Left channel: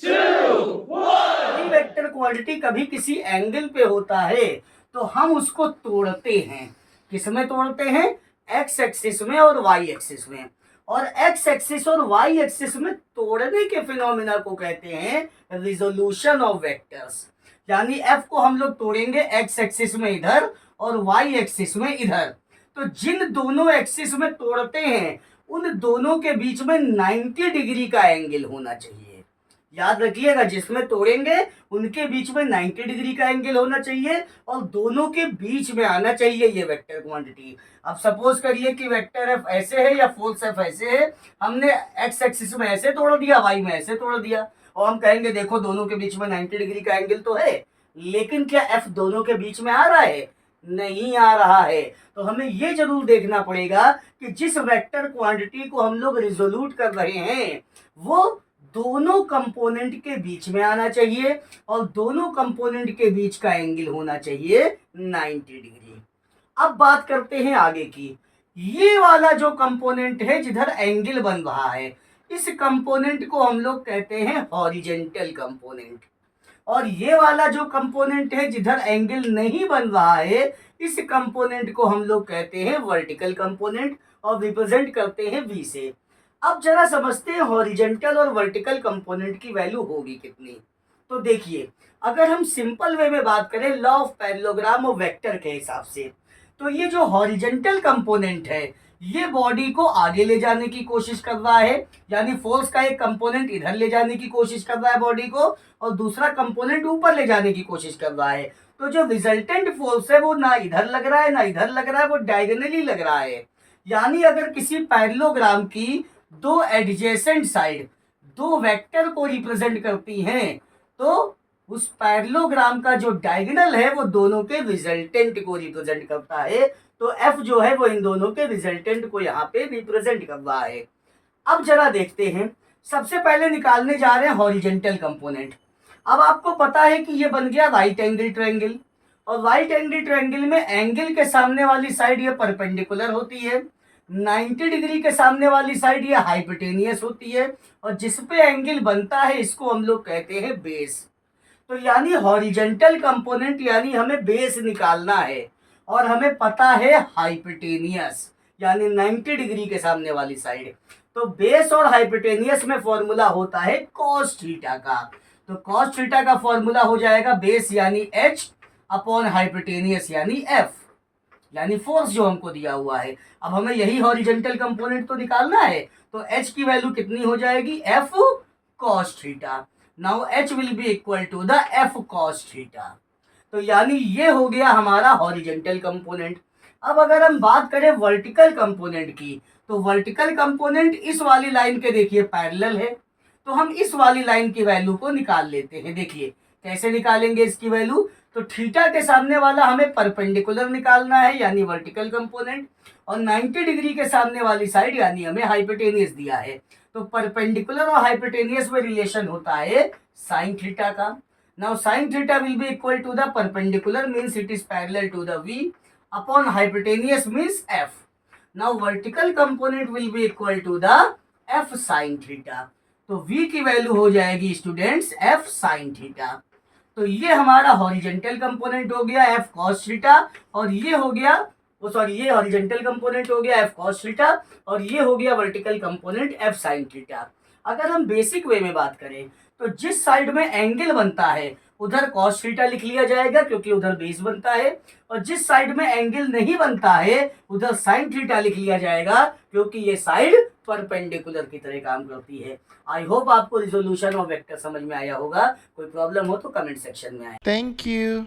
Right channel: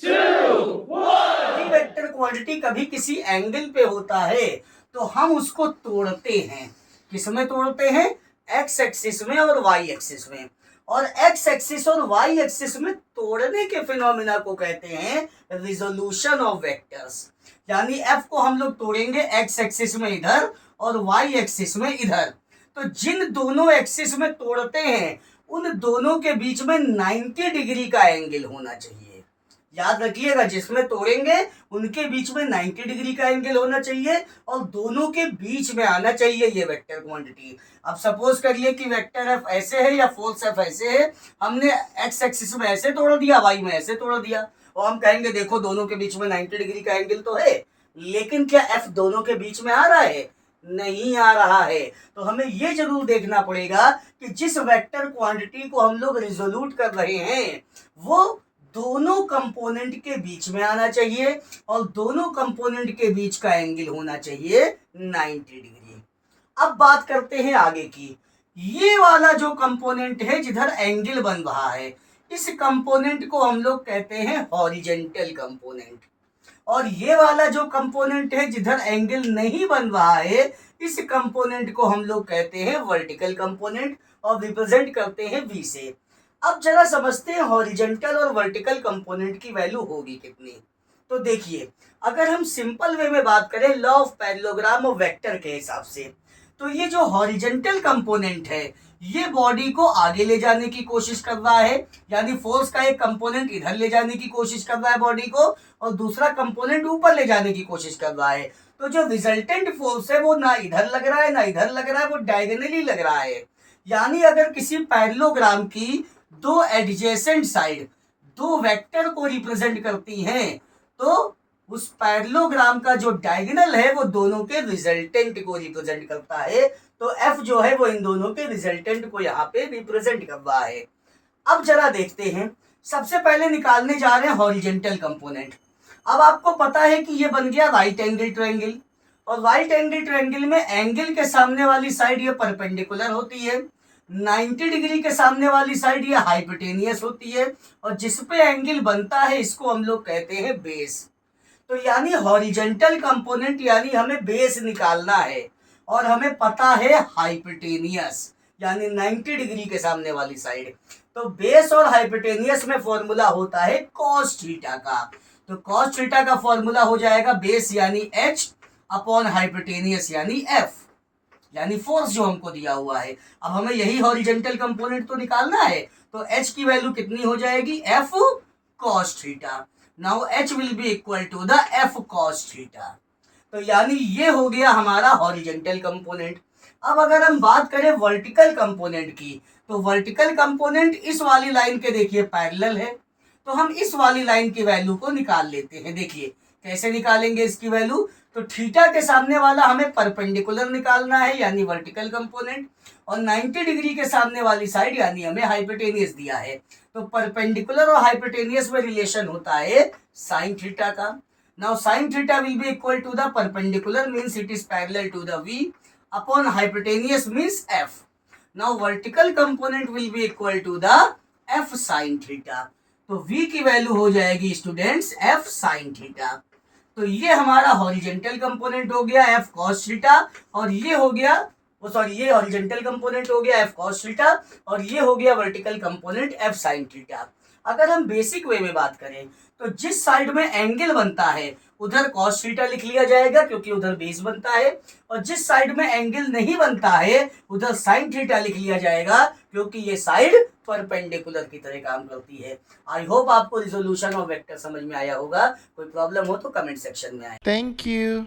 कोई vector quantity कभी किसी एंगल पे होता है तो हम उसको तोड़ते हैं। किस में तोड़ते हैं? एक्स एक्सिस में और वाई एक्सिस में। और एक्स एक्सिस और वाई एक्सिस में तोड़ने के फिनोमिना को कहते हैं रिजोल्यूशन ऑफ वेक्टर्स। यानी एफ को हम लोग तोड़ेंगे एक्स एक्सिस में इधर और वाई एक्सिस में इधर। तो जिन दोनों एक्सिस में तोड़ते हैं उन दोनों के बीच में 90 डिग्री का एंगल होना चाहिए। याद रखिएगा, जिसमें तोड़ेंगे उनके बीच में 90 डिग्री का एंगल होना चाहिए और दोनों के बीच में आना चाहिए ये वेक्टर क्वांटिटी। अब सपोज करिए कि वेक्टर एफ ऐसे है या फोर्स एफ ऐसे है, हमने एक्स एक्सिस में ऐसे तोड़ दिया, वाई में ऐसे तोड़ दिया, और हम कहेंगे देखो दोनों के बीच में 90 डिग्री का एंगल तो है, लेकिन क्या एफ दोनों के बीच में आ रहा है? नहीं आ रहा है। तो हमें ये जरूर देखना पड़ेगा कि जिस वेक्टर क्वांटिटी को हम लोग रिजोल्यूट कर रहे हैं वो दोनों कंपोनेंट के बीच में आना चाहिए और दोनों कंपोनेंट के बीच का एंगल होना चाहिए 90 डिग्री। अब बात करते हैं आगे की। ये वाला जो कंपोनेंट है जिधर एंगल बन रहा है, इस कंपोनेंट को हम लोग कहते हैं हॉरिजेंटल कंपोनेंट। और ये वाला जो कंपोनेंट है जिधर एंगल नहीं बन रहा है, इस कंपोनेंट को हम लोग कहते हैं वर्टिकल कंपोनेंट और रिप्रेजेंट करते हैं वी से। अब जरा समझते हैं हॉरिजेंटल और वर्टिकल कंपोनेंट की वैल्यू होगी कितनी। तो देखिए, अगर हम सिंपल वे में बात करें लॉ ऑफ पैरेललोग्राम और वेक्टर के हिसाब से, तो ये जो हॉरिजेंटल कंपोनेंट है ये बॉडी को आगे ले जाने की कोशिश कर रहा है, यानी फोर्स का एक कंपोनेंट इधर ले जाने की कोशिश कर रहा है बॉडी को और दूसरा कंपोनेंट ऊपर ले जाने की कोशिश कर रहा है। तो जो रिजल्टेंट फोर्स है वो ना इधर लग रहा है ना इधर लग रहा है, वो डायगोनली लग रहा है। यानी अगर किसी पैरेललोग्राम की दो एडजेसेंट साइड दो वेक्टर को रिप्रेजेंट करती हैं तो उस पैरेललोग्राम का जो डायगोनल है वो दोनों के रिजल्टेंट को रिप्रेजेंट करता है। तो एफ जो है वो इन दोनों के रिजल्टेंट को यहाँ पे रिप्रेजेंट कर रहा है। अब जरा देखते हैं, सबसे पहले निकालने जा रहे हैं हॉरिजेंटल कंपोनेंट। अब आपको पता है कि ये बन गया राइट एंगल ट्रायंगल, और राइट एंगल ट्रायंगल में एंगल के सामने वाली साइड ये परपेंडिकुलर होती है, 90 डिग्री के सामने वाली साइड ये हाइपोटेनियस होती है, और जिस पे एंगल बनता है इसको हम लोग कहते हैं बेस। तो यानी हॉरिजेंटल कंपोनेंट यानी हमें बेस निकालना है और हमें पता है हाइपोटेनियस यानी 90 डिग्री के सामने वाली साइड। तो बेस और हाइपोटेनियस में फॉर्मूला होता है कॉस थीटा का। तो कॉस थीटा का फॉर्मूला हो जाएगा बेस यानी एच अपॉन हाइपोटेनियस यानी एफ, यानी फोर्स जो हमको दिया हुआ है। अब हमें यही हॉरिजेंटल कंपोनेंट तो निकालना है, तो एच की वैल्यू कितनी हो जाएगी? F cos theta. Now H will be equal to the F cos theta. तो यानी ये हो गया हमारा हॉरिजेंटल कंपोनेंट। अब अगर हम बात करें वर्टिकल कंपोनेंट की, तो वर्टिकल कंपोनेंट इस वाली लाइन के देखिए पैरेलल है, तो हम इस वाली लाइन की वैल्यू को निकाल लेते हैं। देखिए कैसे निकालेंगे इसकी वैल्यू। तो थीटा के सामने वाला हमें परपेंडिकुलर निकालना है यानी वर्टिकल कंपोनेंट, और 90 डिग्री के सामने वाली साइड यानी हमें हाइपोटेनियस दिया है। तो परपेंडिकुलर और हाइपोटेनियस में रिलेशन होता है साइन थीटा का। Now sine theta will be equal to the perpendicular means it is parallel to the v upon hypotenuse means f। Now vertical component will be equal to the f sine theta. तो v की वैल्यू हो जाएगी students f sine theta. तो ये हमारा horizontal component हो गया f cos थीटा, और ये हो गया ये हॉरिजेंटल कंपोनेंट हो गया f cos थीटा, और ये हो गया vertical component f sin theta. अगर हम बेसिक वे में बात करें तो जिस साइड में एंगल बनता है उधर cos थीटा लिख लिया जाएगा क्योंकि उधर बेस बनता है, और जिस साइड में एंगल नहीं बनता है उधर sin थीटा लिख लिया जाएगा क्योंकि ये साइड परपेंडिकुलर की तरह काम करती है। आई होप आपको रिजोल्यूशन ऑफ वेक्टर समझ में आया होगा। कोई प्रॉब्लम हो तो कमेंट सेक्शन में आए। Thank you.